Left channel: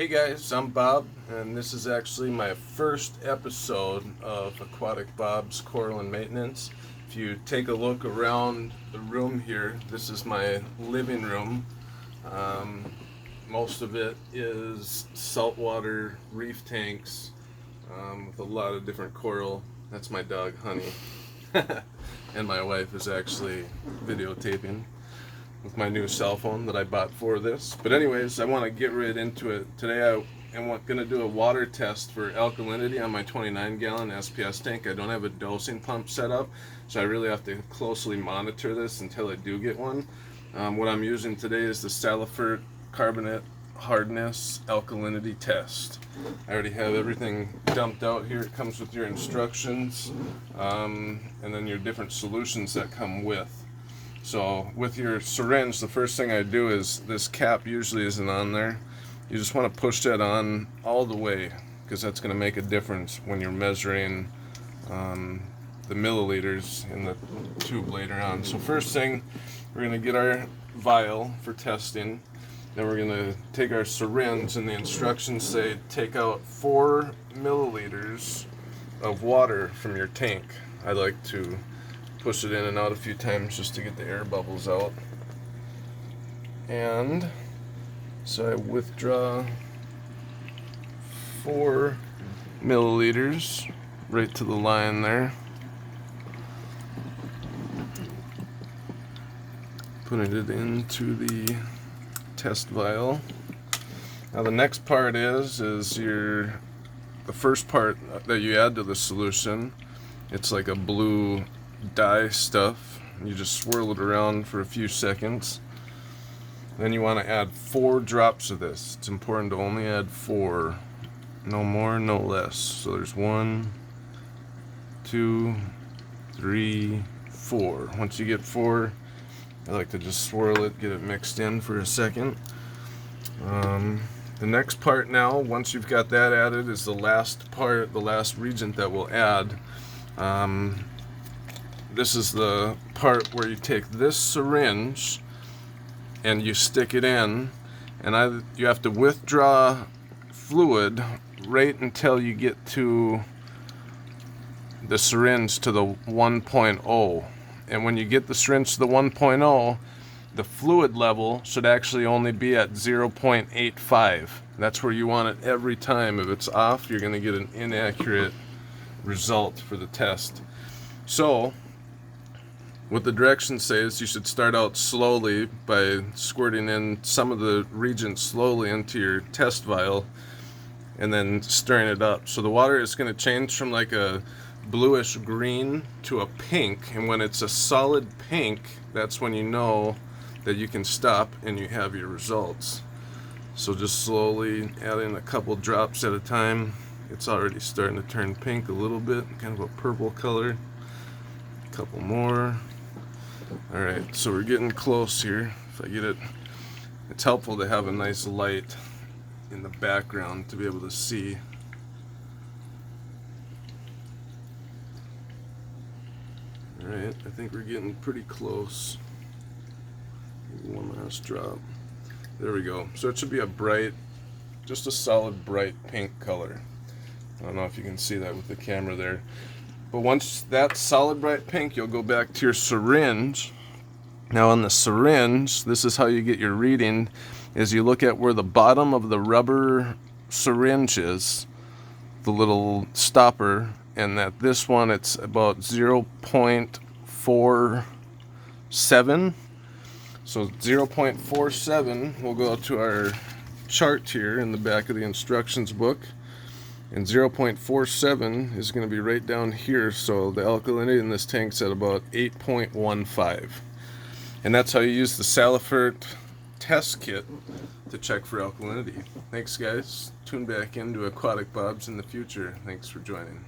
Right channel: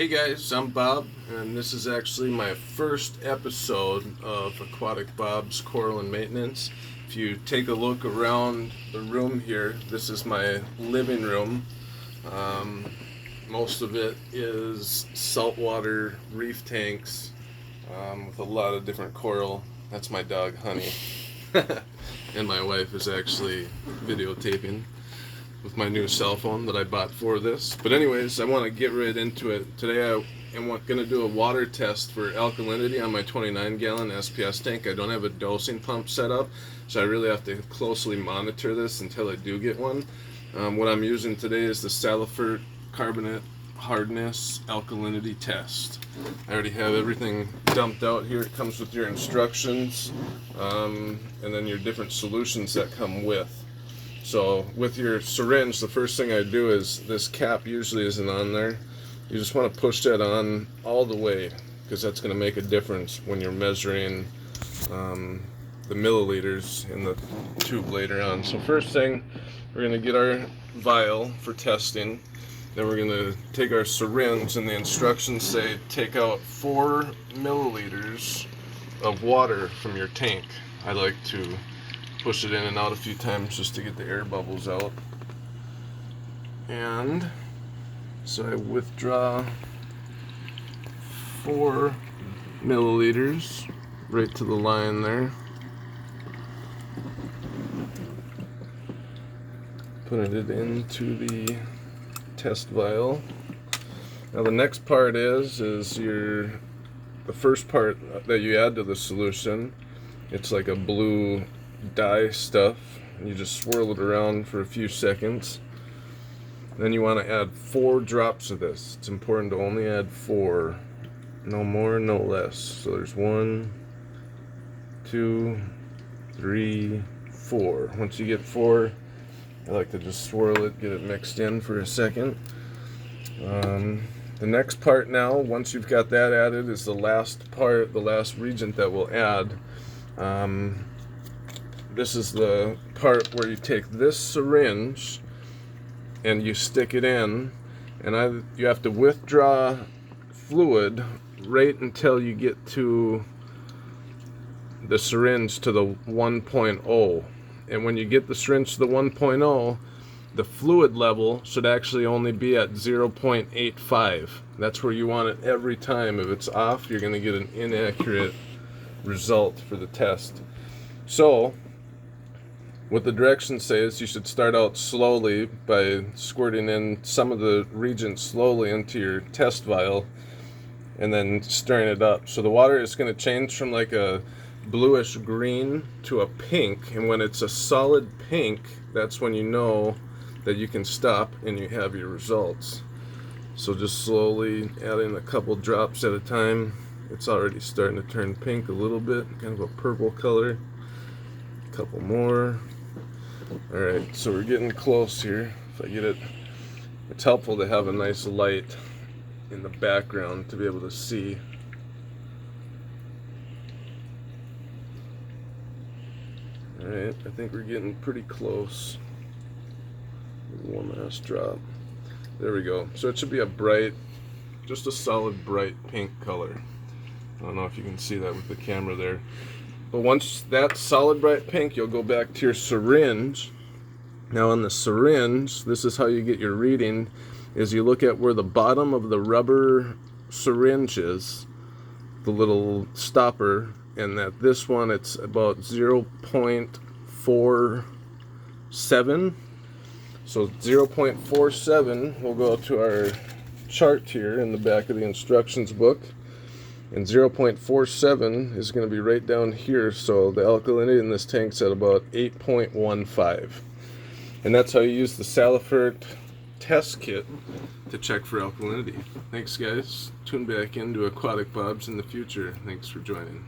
Hey guys, I'm Bob, and this is actually my first episode of Aquatic Bob's Coral and Maintenance. If you take a look around the room here, this is my living room. Most of it is saltwater reef tanks with a lot of different coral. That's my dog, Honey. And my wife is actually videotaping with my new cell phone that I bought for this. But anyways, I want to get right into it. Today I am going to do a water test for alkalinity on my 29-gallon SPS tank. I don't have a dosing pump set up, so I really have to closely monitor this until I do get one. What I'm using today is the Salifert Carbonate Hardness Alkalinity Test. I already have everything dumped out here. It comes with your instructions and then your different solutions that come with. So with your syringe, the first thing I do is, this cap usually isn't on there. You just want to push that on all the way, because that's going to make a difference when you're measuring the milliliters in the tube later on. So first thing, we're going to get our vial for testing. Then we're going to take our syringe, and the instructions say take out 4 milliliters of water from your tank. I like to push it in and out a few times just to get the air bubbles out. And so I withdraw 4 milliliters right to the line there. Putting it into the test vial. Now the next part is the first part that you add to the solution. It's like a blue dye stuff. You just swirl it around for a few seconds. Then you want to add 4 drops of this. It's important to only add 4, no more, no less. So there's 1, 2, 3, 4. Once you get 4, I like to just swirl it, get it mixed in for a second. The next part now, once you've got that added, is the last part, the last reagent that we'll add. This is the part where you take this syringe and you stick it in, and you have to withdraw fluid right until you get to the syringe to the 1.0. And when you get the syringe to the 1.0, the fluid level should actually only be at 0.85. That's where you want it every time. If it's off, you're going to get an inaccurate result for the test. So what the directions say is you should start out slowly by squirting in some of the reagent slowly into your test vial and then stirring it up. So the water is going to change from like a bluish green to a pink, and when it's a solid pink, that's when you know that you can stop and you have your results. So just slowly adding a couple drops at a time. It's already starting to turn pink a little bit, kind of a purple color. A couple more. Alright, so we're getting close here. If I get it, it's helpful to have a nice light in the background to be able to see. Alright, I think we're getting pretty close. One last drop. There we go. So it should be a bright, just a solid bright pink color. I don't know if you can see that with the camera there. But once that's solid bright pink, you'll go back to your syringe. Now on the syringe, this is how you get your reading, is you look at where the bottom of the rubber syringe is, the little stopper, and that this one, it's about 0.47. So 0.47 will go to our chart here in the back of the instructions book. And 0.47 is going to be right down here, so the alkalinity in this tank's at about 8.15. And that's how you use the Salifert test kit to check for alkalinity. Thanks guys. Tune back into Aquatic Bob's in the future. Thanks for joining.